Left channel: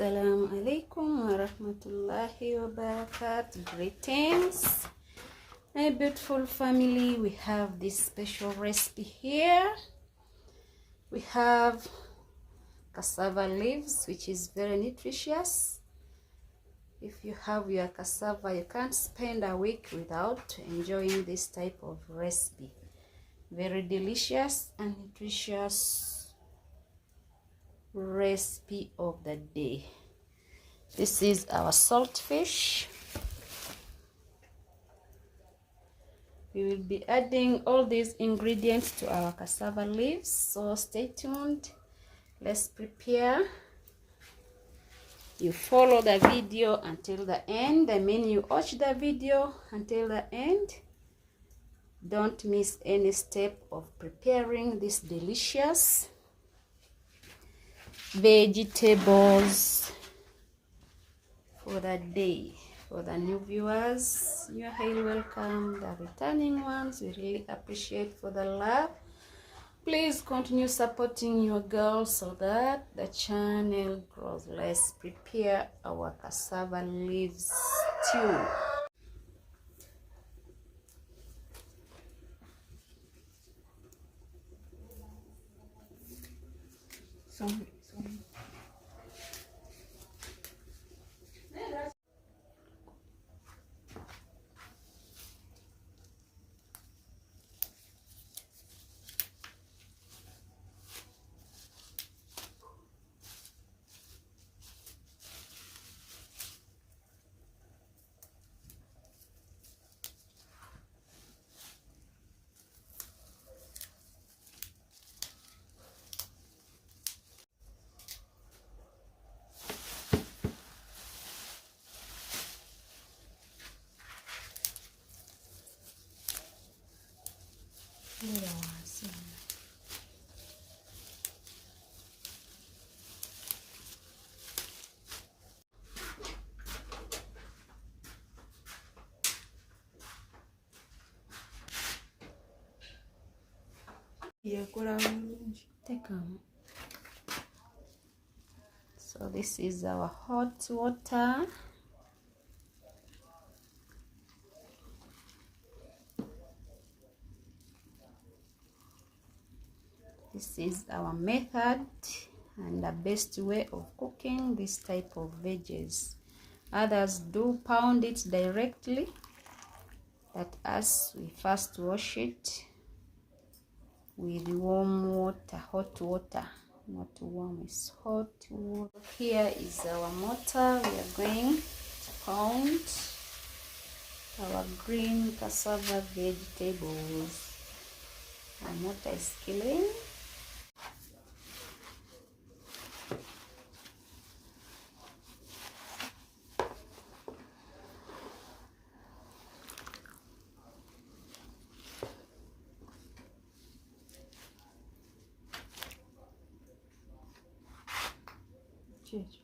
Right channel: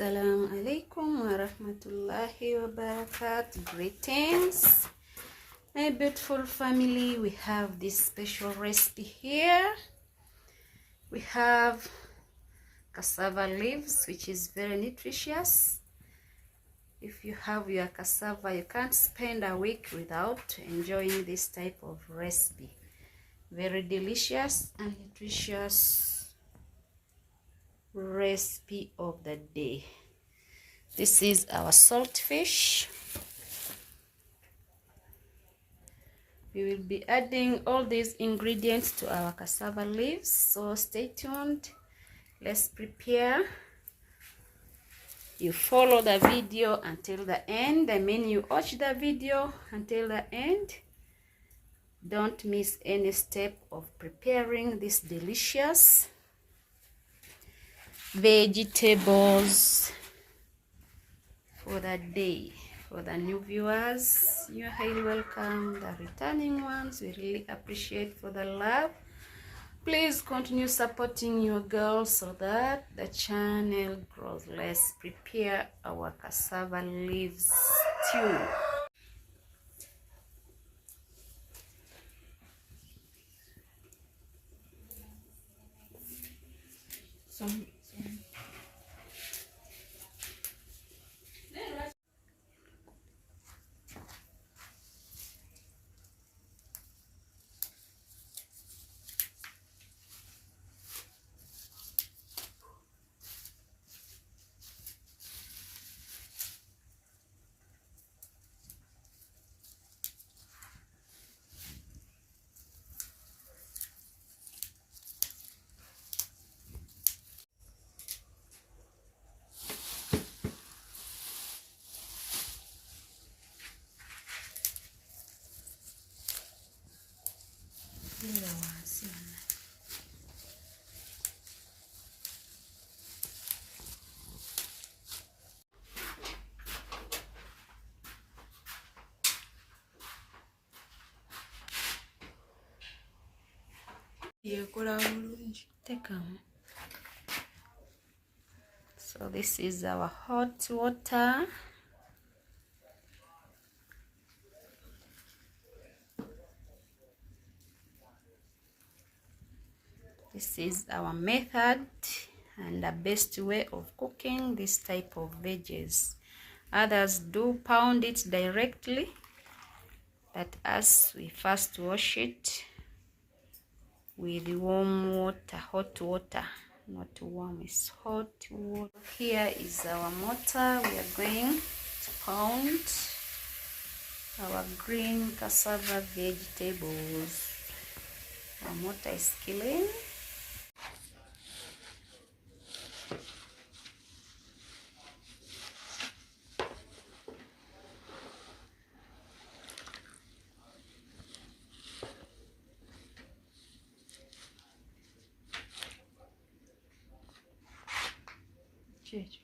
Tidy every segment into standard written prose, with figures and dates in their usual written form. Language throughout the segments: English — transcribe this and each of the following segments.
Assalamu alaikum wa rahmatullahi wa barakatuh. Greetings, my beautiful family. We have this special recipe here. We have cassava leaves, which is very nutritious. If you have your cassava, you can't spend a week without enjoying this type of recipe. Very delicious and nutritious recipe of the day. This is our saltfish. We will be adding all these ingredients to our cassava leaves, so stay tuned. Let's prepare. You follow the video until the end. I mean, you watch the video until the end. Don't miss any step of preparing this delicious vegetables for the day. For the new viewers, you're highly welcome. The returning ones, we really appreciate for the love. Please continue supporting your girl so that the channel grows. Let's prepare our cassava leaves stew. So this is our hot water. This is our method and the best way of cooking this type of veggies. Others do pound it directly, but us, we first wash it with warm water, hot water, not warm, it's hot water. Here is our mortar. We are going to pound our green cassava vegetables. Our mortar is clean. Cheers.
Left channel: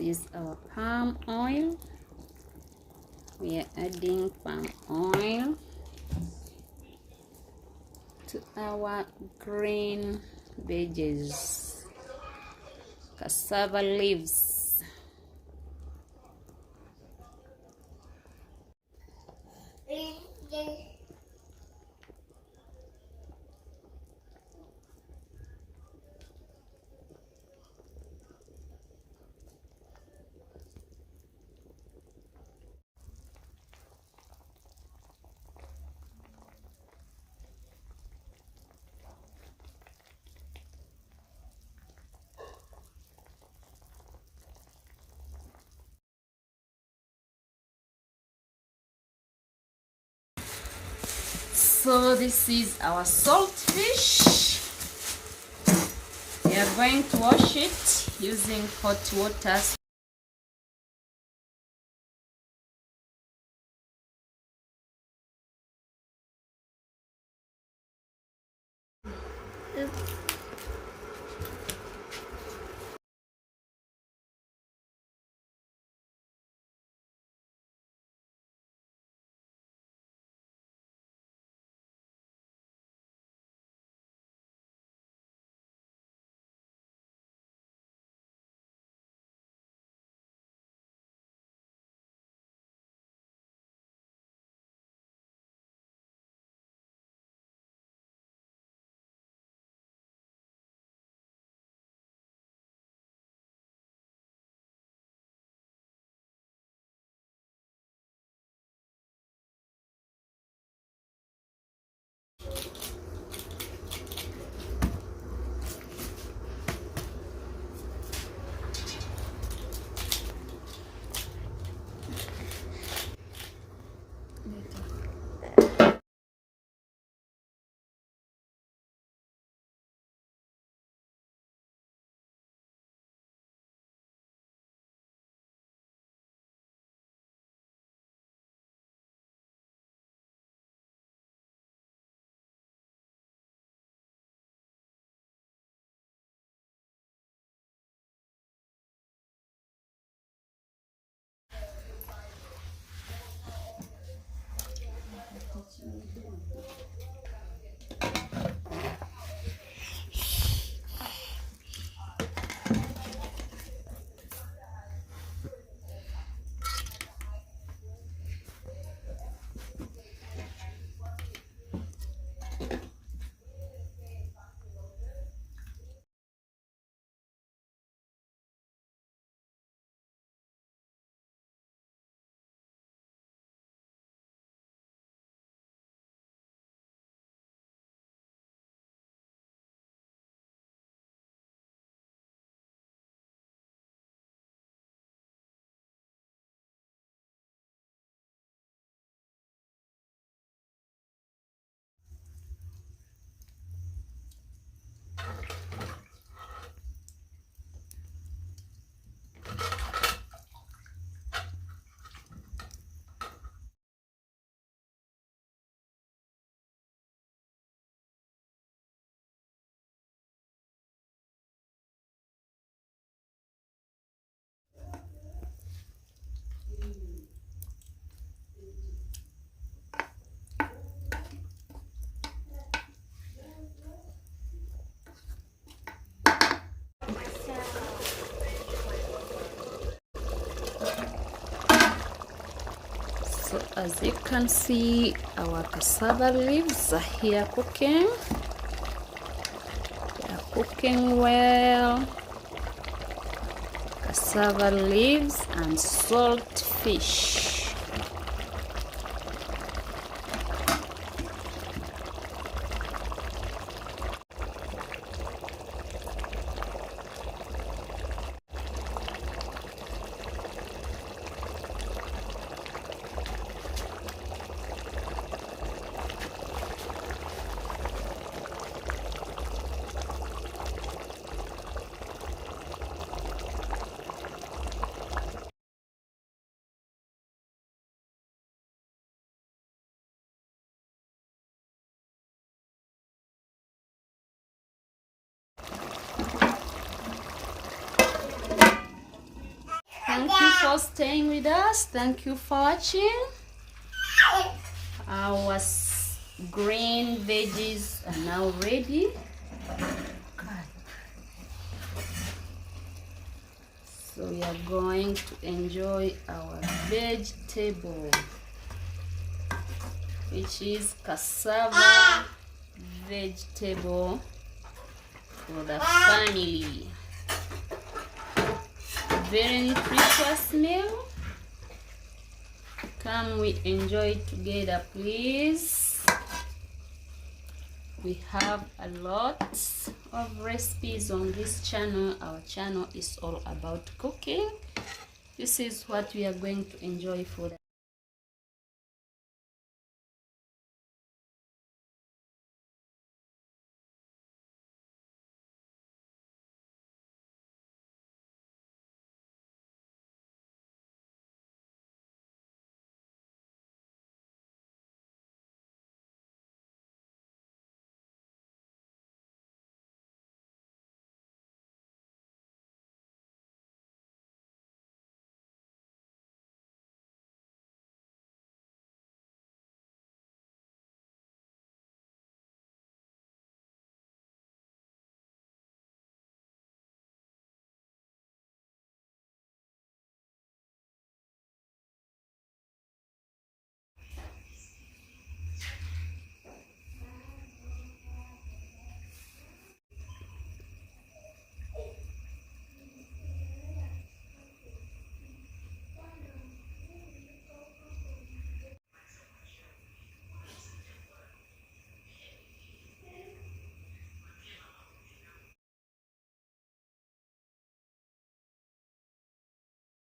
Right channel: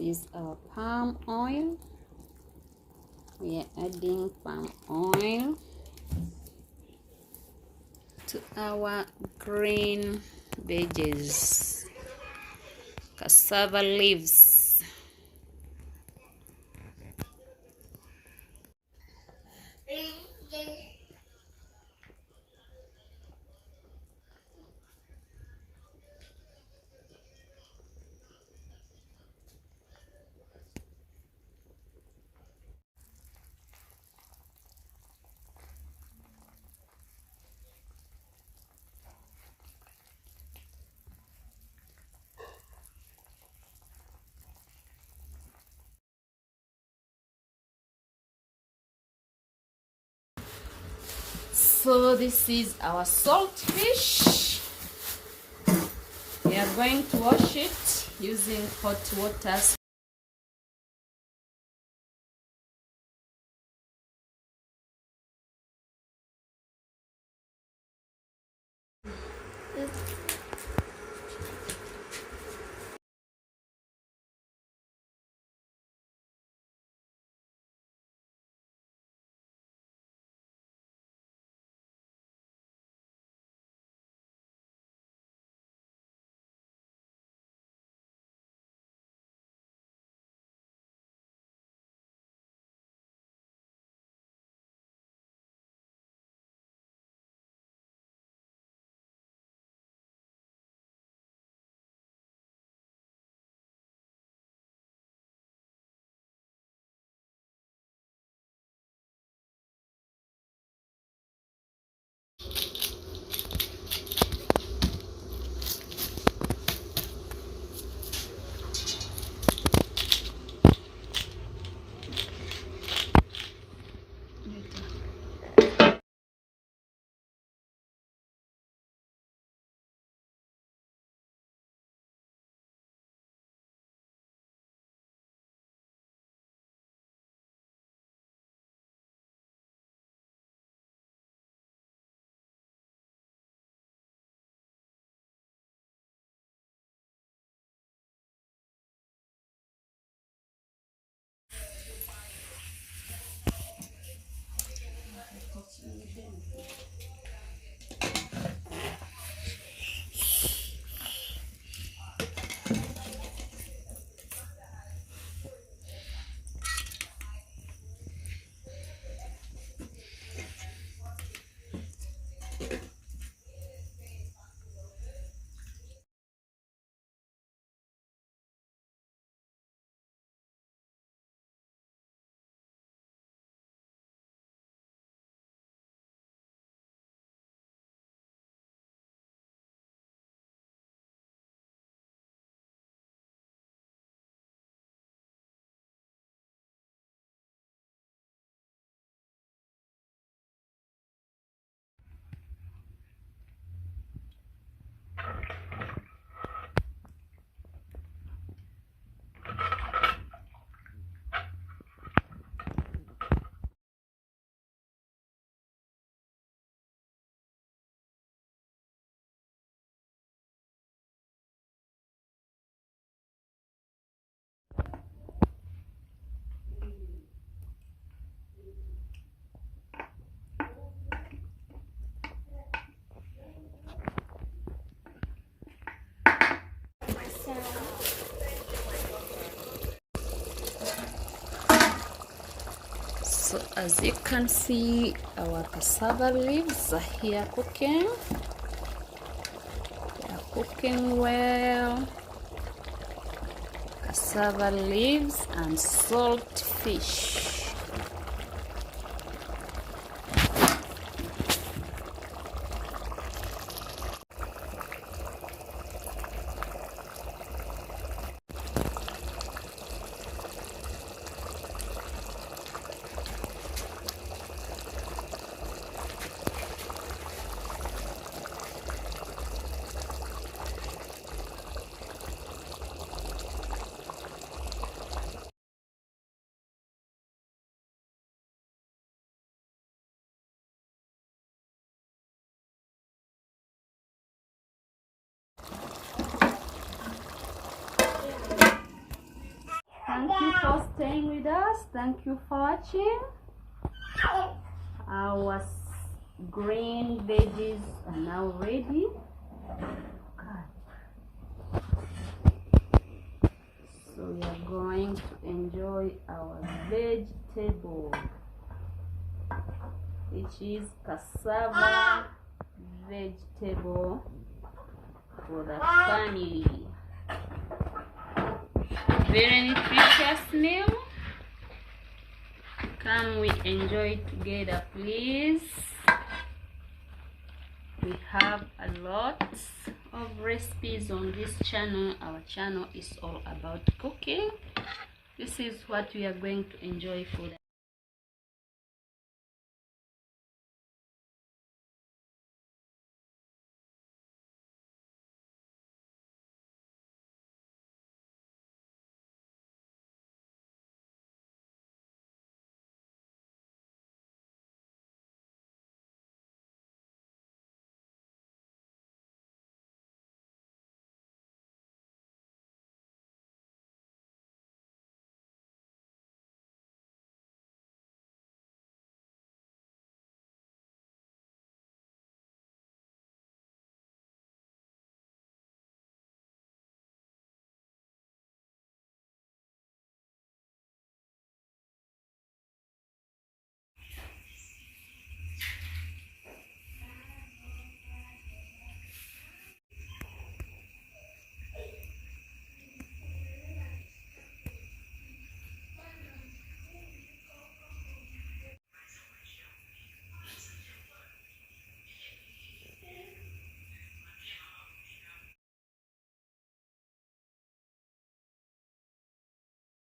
is our palm oil. We are adding palm oil to our green veggies, cassava leaves. So this is our saltfish. We are going to wash it using hot water. So as you can see, our cassava leaves are here cooking. They are cooking well. Cassava leaves and salt fish. Thank you for staying with us. Thank you for watching. Our green veggies are now ready. So we are going to enjoy our vegetable, which is cassava vegetable for the family. Very nutritious meal. Can we enjoy together, please? We have a lot of recipes on this channel. Our channel is all about cooking. This is what we are going to enjoy for